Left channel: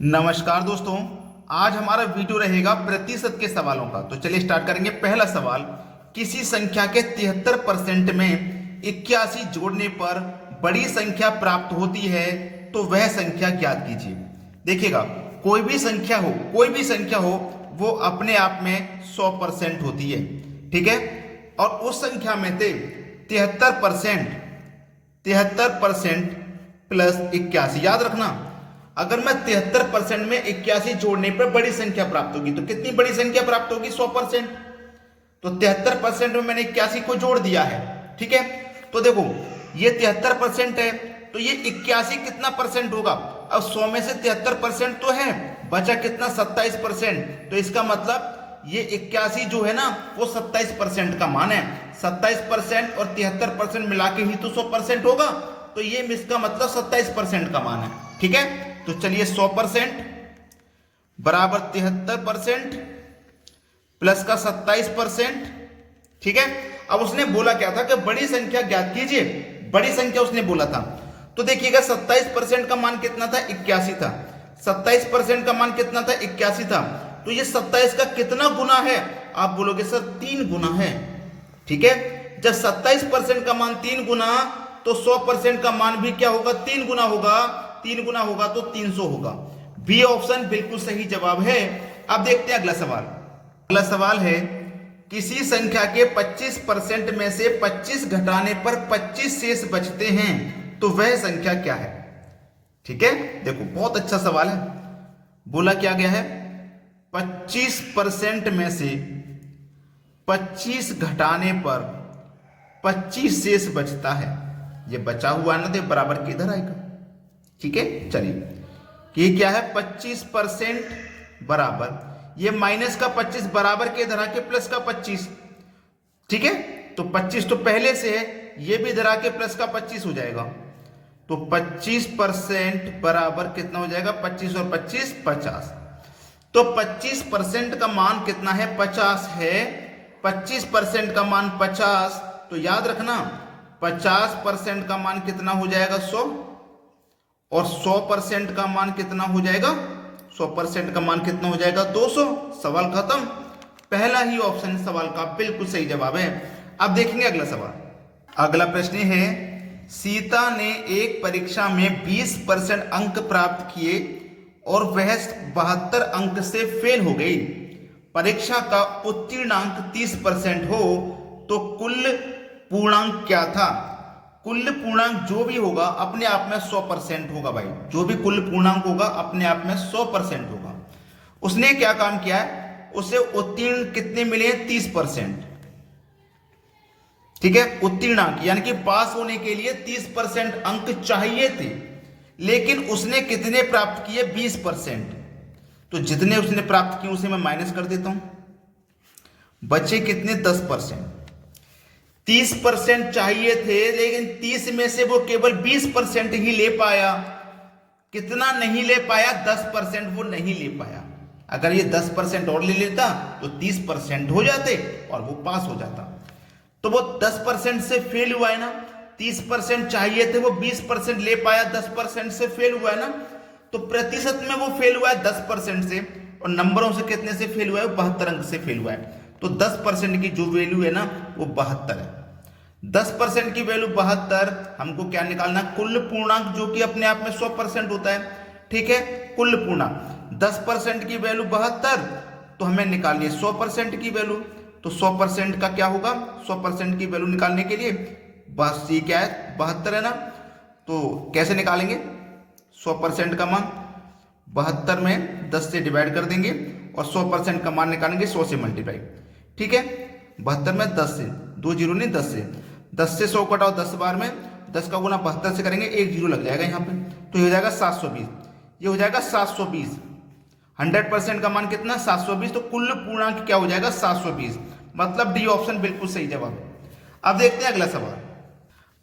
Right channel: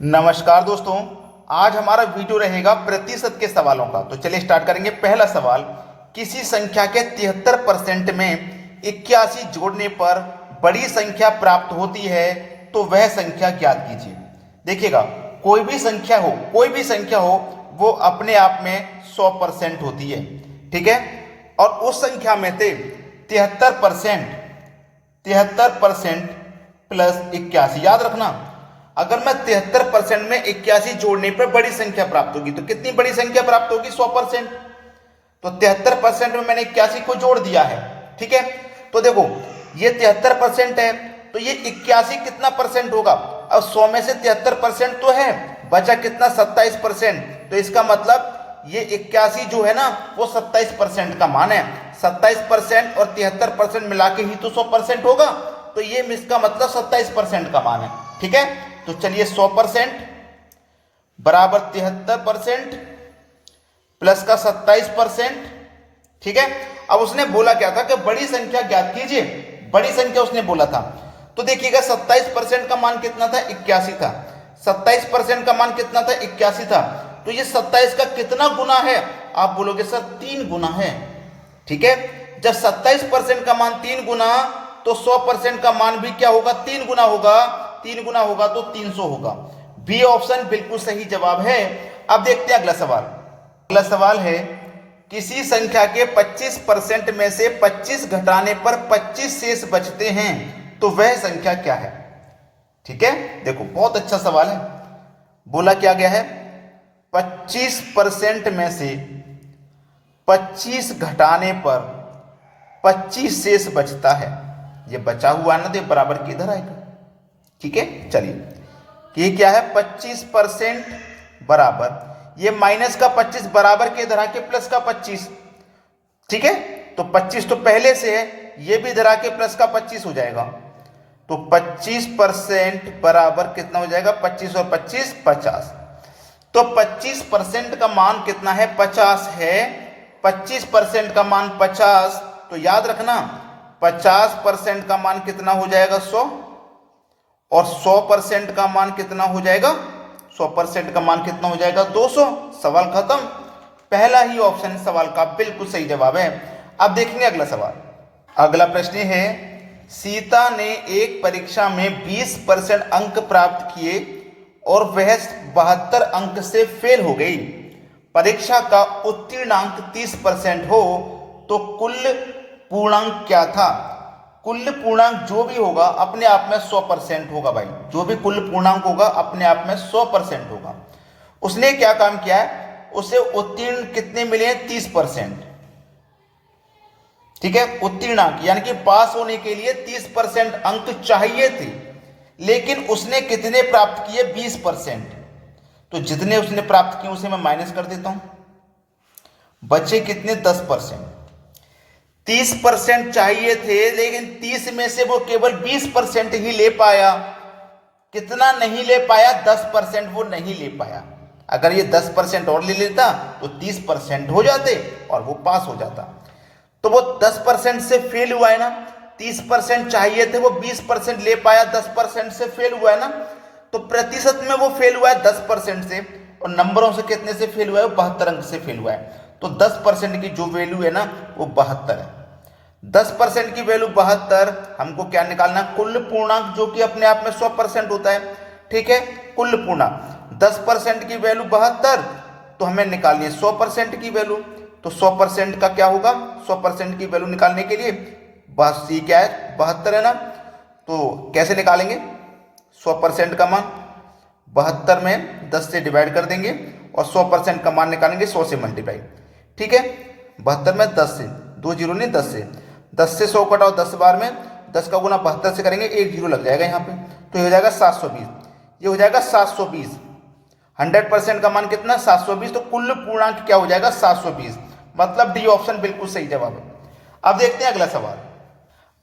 नमस्कार दोस्तों, आज हमारा वीडियो रहेगा प्रतिशत के सवालों का। तो चलिए स्टार्ट करेंगे। पहला सवाल, किसी संख्या के 73% में 81 जोड़ने पर बड़ी संख्या प्राप्त होती है तो वह संख्या ज्ञात कीजिए। देखिएगा, कोई भी संख्या हो वो अपने आप में 100% होती है, ठीक है। और उस संख्या में से 73% प्लस 81, याद रखना, अगर मैं 73% में 81 जोड़ने पर बड़ी संख्या प्राप्त होगी तो कितनी बड़ी संख्या प्राप्त होगी? 100%। तो 73% में मैंने 81 को जोड़ दिया है, ठीक है। तो देखो, ये 73% है तो ये 81 कितना परसेंट होगा? अब 100 में से 73% तो है, बचा कितना? 27%। तो इसका मतलब ये 81 जो है ना वो 27% का मान है। 27% और 73% मिला के ही तो 100% होगा। तो ये इसका मतलब 27% का मान है, ठीक है। तो चलिए 100% बराबर 73% प्लस का 27%, ठीक है। अब उसने बोला क्या था कि बड़ी संख्या ज्ञात कीजिए, बड़ी संख्या उसने बोला था। तो देखिएगा 27% का मान कितना था? 81 था। 27% का मान कितना था? 81 था। तो ये 27 का कितना गुना है? आप बोलोगे सर 3 गुना है, ठीक है। जब 27% का मान 3 गुना तो 100% का मान भी क्या होगा? 3 गुना होगा। 3 गुना होगा तो 300 होगा। बी ऑप्शन बिल्कुल सही जवाब है। अब देखते हैं अगला सवाल। अगला सवाल है, किसी संख्या के 25% में से 25 घटाने पर 25 शेष बचते हैं तो वह संख्या क्या है? ठीक है, देखो बहुत अच्छा सवाल है। बोला क्या गया है? 25% में से 25 घटाने पर 25 शेष बचता है। ये बचा हुआ ना तो बराबर किधर आएगा, ठीक है। चलिए, ये क्या है? 25% बराबर ये माइनस का 25 बराबर के इधर आके प्लस का 25, ठीक है। तो 25 तो पहले से है, ये भी इधर आके प्लस का 25 हो जाएगा। तो 25% बराबर कितना हो जाएगा? 25 और 25 50। तो 25% का मान कितना है? 50 है। 25% का मान 50, तो याद रखना 50% का मान कितना हो जाएगा? 100। और 100% का मान कितना हो जाएगा? 100% का मान कितना हो जाएगा? 200। सवाल खत्म। पहला ही ऑप्शन सवाल का बिल्कुल सही जवाब है। अब देखेंगे अगला सवाल। अगला प्रश्न है, सीता ने एक परीक्षा में 20% अंक प्राप्त किए और वह 72 अंक से फेल हो गई। परीक्षा का उत्तीर्णांक 30% हो तो कुल पूर्णांक क्या था? कुल पूर्णांक जो भी होगा अपने आप में 100% होगा भाई। जो भी कुल पूर्णांक होगा अपने आप में 100% होगा। उसने क्या काम किया है? उसे उत्तीर्ण कितने मिले? 30%, ठीक है। उत्तीर्णांक यानी कि पास होने के लिए 30% अंक चाहिए थे, लेकिन उसने कितने प्राप्त किए? 20%। तो जितने उसने प्राप्त किए उसे मैं माइनस कर देता हूं, बचे कितने? 10%। 30% चाहिए थे लेकिन 30 में से वो केवल 20% ही ले पाया। कितना नहीं ले पाया? 10% वो नहीं ले पाया। अगर ये 10% और ले लेता तो 30% हो जाते और वो पास हो जाता। तो वो 10% से फेल हुआ है ना। 30% चाहिए थे, वो 20% ले पाया, 10% से फेल हुआ है ना। तो प्रतिशत में वो फेल हुआ है 10% से, और नंबरों से कितने से फेल हुआ है? 72 अंक से फेल हुआ है। तो 10% की जो वैल्यू है ना वो 72 है। 10% की वैल्यू 72, हमको क्या निकालना? कुल पूर्णांक, जो कि अपने आप में 100% होता है, ठीक है। कुल पूर्णांक 10% की वैल्यू 72, तो हमें निकालनी है 100% की वैल्यू। तो 100% का क्या होगा? 100% की वैल्यू निकालने के लिए बस ये क्या है? 72 है ना। तो कैसे निकालेंगे 100% का मान? 72 में 10 से डिवाइड कर देंगे और 100% का मान निकालेंगे 100 से मल्टीप्लाई, ठीक है। 72 में 10 से, 2 जीरो नहीं 10 से, 10 से 100 कटाओ 10 बार में, 10 का गुना 72 से करेंगे, 1 जीरो लग जाएगा यहाँ पे, तो ये हो जाएगा 720। ये हो जाएगा 720। 100% का मान कितना? 720। तो कुल पूर्णांक क्या हो जाएगा? 720। मतलब डी ऑप्शन बिल्कुल सही जवाब है। अब देखते हैं अगला सवाल।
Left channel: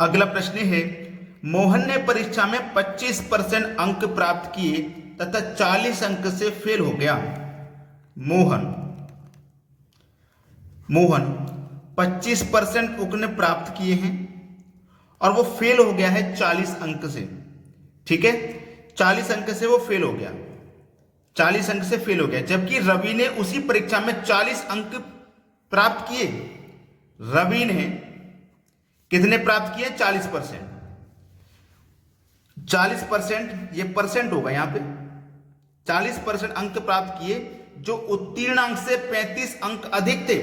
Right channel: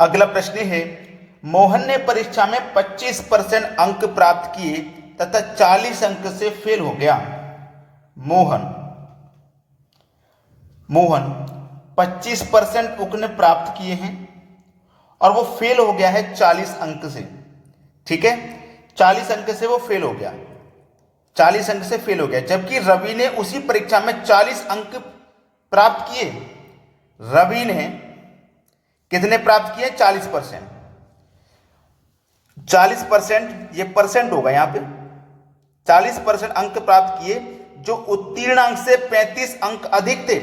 अगला प्रश्न है, मोहन ने परीक्षा में 25% अंक प्राप्त किए तथा 40 अंक से फेल हो गया। मोहन 25% उसने प्राप्त किए हैं और वो फेल हो गया है 40 अंक से, ठीक है। 40 अंक से वो फेल हो गया। 40 अंक से फेल हो गया, जबकि रवि ने उसी परीक्षा में 40 अंक प्राप्त किए। रवि ने कितने प्राप्त किए? 40%। 40% ये परसेंट होगा यहां पे। 40% अंक प्राप्त किए, जो उत्तीर्ण अंक से 35 अंक अधिक थे।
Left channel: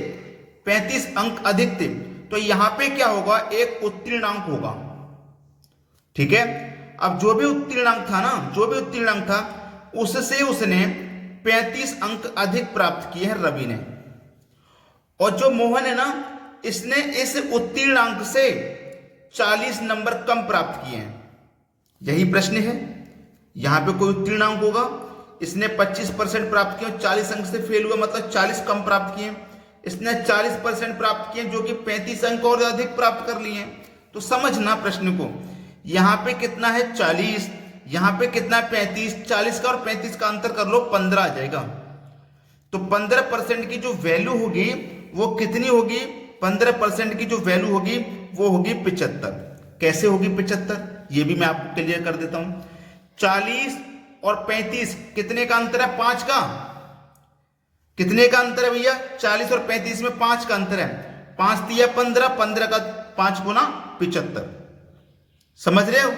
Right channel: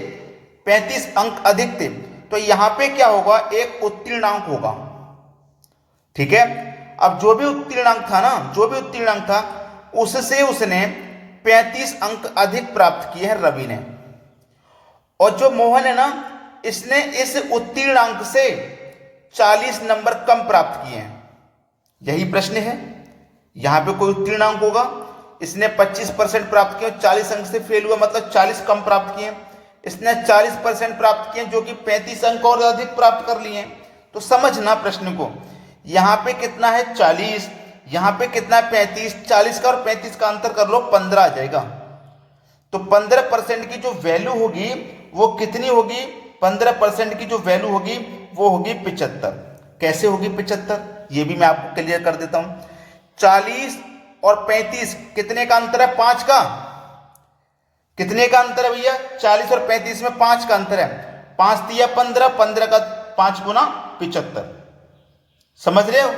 35 अंक अधिक थे, तो यहां पे क्या होगा? एक उत्तीर्ण अंक होगा। ठीक है, अब जो भी उत्तीर्ण अंक था ना, जो भी उत्तीर्ण अंक था, उससे उसने 35 अंक अधिक प्राप्त किए हैं रवि ने। और जो मोहन है ना, इसने इस उत्तीर्ण अंक से 40 नंबर कम प्राप्त किए हैं। यही प्रश्न है। यहां पे कोई उत्तीर्ण अंक होगा, इसने 25% प्राप्त किए, 40 अंक से फेल हुआ, मतलब 40 कम प्राप्त किए। इसने 40% प्राप्त किए, जो कि 35 अंक और अधिक प्राप्त कर लिए। तो समझना प्रश्न को, यहां पे कितना है? 40, यहां पे कितना है? 35। 40 का और 35 का अंतर कर लो, 15 आ जाएगा। तो 15% की जो वैल्यू होगी वो कितनी होगी? 15% की जो वैल्यू होगी वो होगी 75। कैसे होगी 75? ये भी मैं आपको क्लियर कर देता हूं। 40 और 35 कितने का अंतर है? 5 का। कितने का अंतर है भैया? 40 और 35 में 5 का अंतर है। 5 दिया 15, 15 का 5 गुना 75। समझ रहे हो?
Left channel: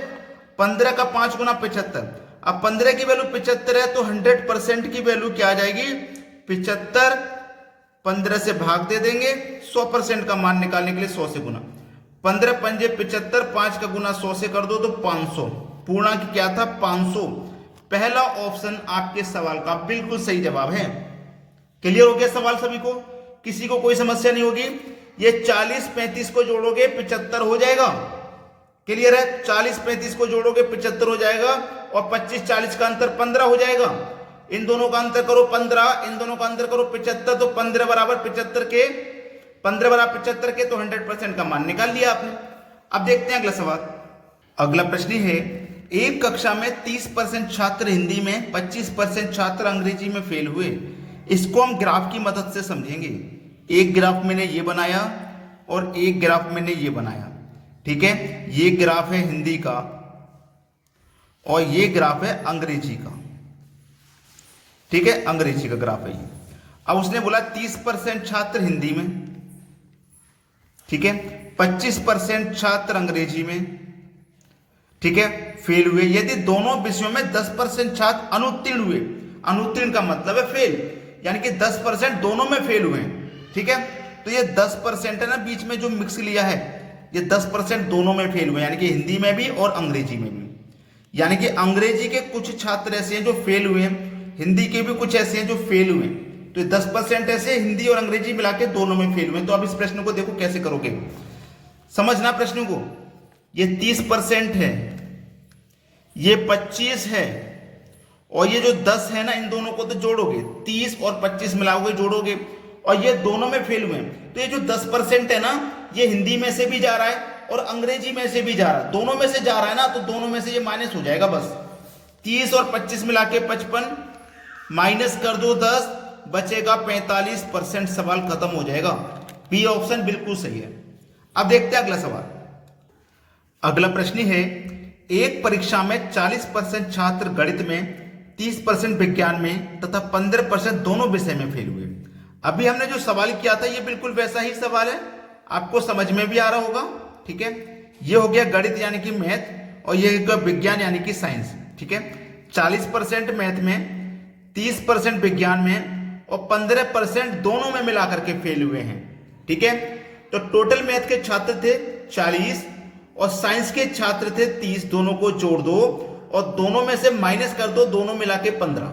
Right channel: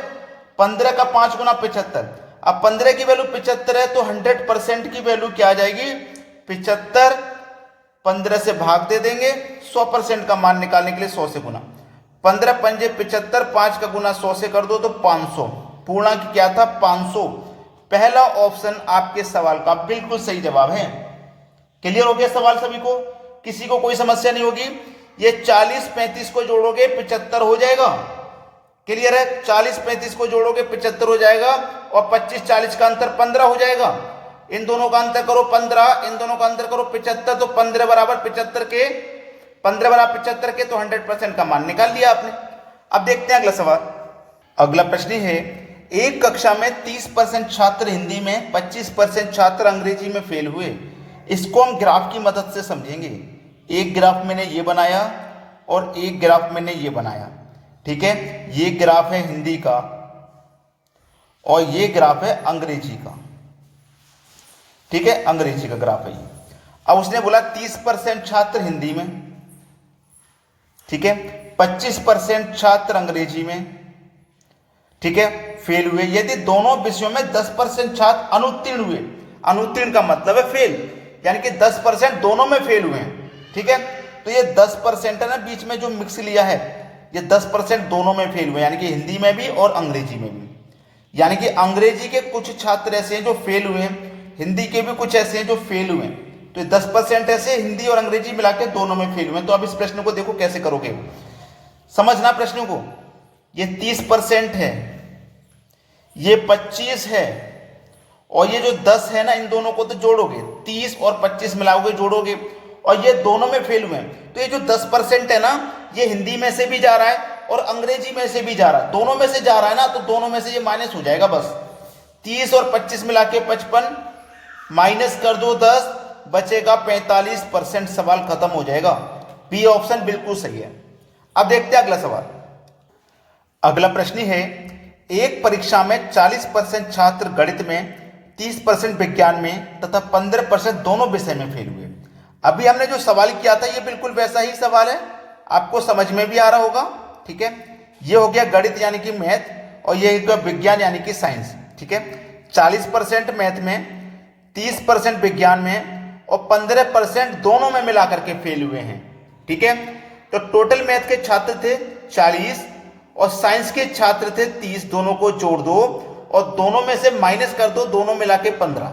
15 का 5 गुना 75। अब 15 की वैल्यू 75 है, तो 100% की वैल्यू क्या आ जाएगी? 75। 15 से भाग दे देंगे, 100% का मान निकालने के लिए 100 से गुना। 15 पंजे 75, 5 का गुना 100 से कर दो तो 500। पूर्णांक क्या था? 500। पहला ऑप्शन आपके सवाल का बिल्कुल सही जवाब है। क्लियर हो गया सवाल सभी को? किसी को कोई समस्या नहीं होगी? ये 40 35 को जोड़ोगे 75 हो जाएगा। क्लियर है? 40 35 को जोड़ोगे 75 हो जाएगा, और 25 40 का अंतर 15 हो जाएगा। इन दोनों का अंतर करो 15, इन दोनों का अंतर करो 75, तो 15 बराबर 75 के, 15 बराबर 75 के, तो 100% का मान निकाल लिया आपने। अब देखते हैं अगला सवाल। अगला प्रश्न है, एक कक्षा में 30% छात्र हिंदी में, 25% छात्र अंग्रेजी में फेल हुए। इसको हम ग्राफ की मदद से समझेंगे। एक ग्राफ मैंने ये बनाया और एक ग्राफ मैंने ये बनाया। ठीक है, ये ग्राफ है हिंदी का और ये ग्राफ है अंग्रेजी का। ठीक है, अंग्रेजी का ग्राफ है ये। अब उसने बोला 30% छात्र हिंदी में, ठीक है, 25% छात्र अंग्रेजी में, ठीक है, फेल हुए। यदि दोनों विषयों में 10% छात्र अनुत्तीर्ण हुए, अनुत्तीर्ण का मतलब है फेल, यानी कि 10% दोनों में फेल हुए हैं। ठीक है, तो ये 10% है ना, बीच में जो मिक्स लिया है, ये 10% दोनों में फेल हुए, यानी कि हिंदी में भी और अंग्रेजी में भी। यानी कि अंग्रेजी के कुछ छात्र ऐसे हैं जो फेल हुए हैं, हिंदी के भी कुछ ऐसे हैं जो फेल हुए हैं। तो 10% ऐसे हिंदी और अंग्रेजी मिला के दोनों में फेल हुए। तो अब इस प्रश्न को देखो कैसे करोगे, समझना प्रश्न को। ये 30% है, ये 25 है, और ये जो 10 है ना, इन दोनों को तो जोड़ोगे, 30 और 25 मिलाओगे, जोड़ोगे, और ये दोनों में फेल हुए हैं। तो ये जो 10% है ना, ये हिंदी में से भी जा रहा है और अंग्रेजी में से भी जा रहा है, दोनों में से जा रहा है ना, तो दोनों में से ये माइनस हो जाएगा बस। 30 और 25 मिला के 55, माइनस कर दो 10, बचेगा 45%। सवाल खत्म हो जाएगा। बी ऑप्शन बिल्कुल सही है। अब देखते हैं अगला सवाल। अगला प्रश्न है, एक परीक्षा में 40% छात्र गणित में, 30% विज्ञान में तथा 15% दोनों विषय में फेल हुए। अभी हमने जो सवाल किया था ये बिल्कुल वैसा ही सवाल है, आपको समझ में भी आ रहा होगा। ठीक है, ये हो गया गणित यानी कि मैथ, और ये हो गया विज्ञान यानी कि साइंस। ठीक है, 40% मैथ में, 30% विज्ञान में और 15% दोनों में मिलाकर के फेल हुए हैं। ठीक है, तो टोटल मैथ के छात्र थे 40 और साइंस के छात्र थे 30, दोनों को जोड़ दो और दोनों में से माइनस कर दो, दोनों मिला के 15।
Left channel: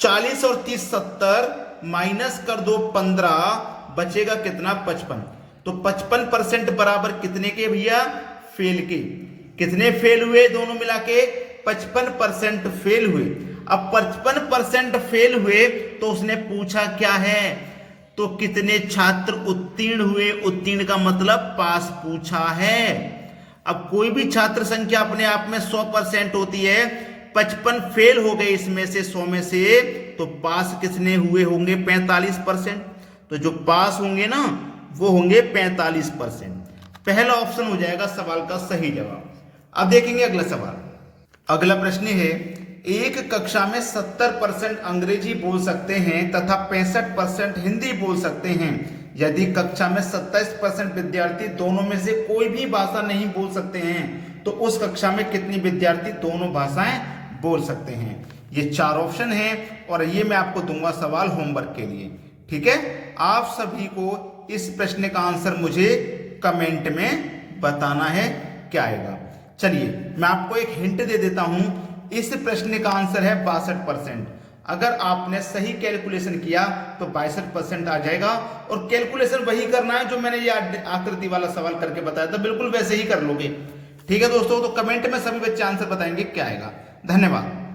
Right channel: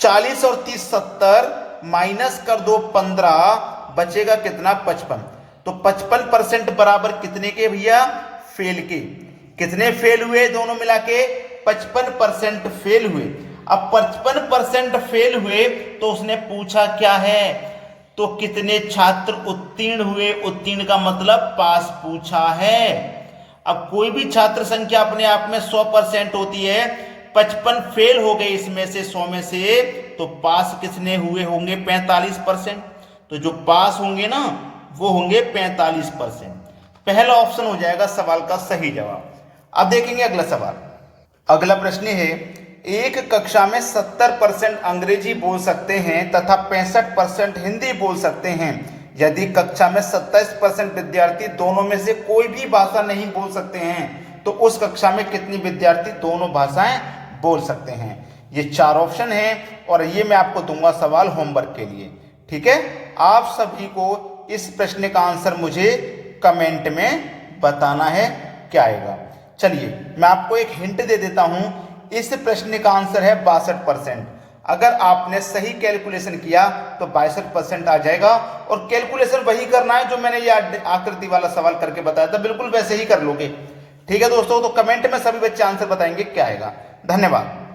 40 और 30 70, माइनस कर दो 15, बचेगा कितना? 55। तो 55% बराबर कितने के भैया? फेल के। कितने फेल हुए दोनों मिला के? 55% फेल हुए। अब 55% फेल हुए तो उसने पूछा क्या है? तो कितने छात्र उत्तीर्ण हुए? उत्तीर्ण का मतलब पास पूछा है। अब कोई भी छात्र संख्या अपने आप में 100% होती है, 55 फेल हो गए इसमें से 100 में से, तो पास कितने हुए होंगे? 45%। तो जो पास होंगे ना वो होंगे 45%। पहला ऑप्शन हो जाएगा सवाल का सही जवाब। अब देखेंगे अगला सवाल। अगला प्रश्न है, एक कक्षा में 70% अंग्रेजी बोल सकते हैं तथा 65% हिंदी बोल सकते हैं। यदि कक्षा में 27% विद्यार्थी दोनों में से कोई भी भाषा नहीं बोल सकते हैं तो उस कक्षा में कितने विद्यार्थी दोनों भाषाएं बोल सकते हैं। ये 4 ऑप्शन हैं और ये मैं आपको दूंगा सवाल होमवर्क के लिए। ठीक है, आप सभी को इस प्रश्न का आंसर मुझे कमेंट में बताना है क्या आएगा। चलिए मैं आपको एक हिंट दे देता हूं, इस प्रश्न का आंसर है 62%। अगर आपने सही कैलकुलेशन किया तो 62% आ जाएगा और कैलकुलेशन वही करना है जो मैंने ये आकृति वाला सवाल करके बताया था, बिल्कुल वैसे ही कर लोगे। ठीक है दोस्तों, तो कमेंट में सभी बच्चे आंसर बताएंगे क्या आएगा। धन्यवाद।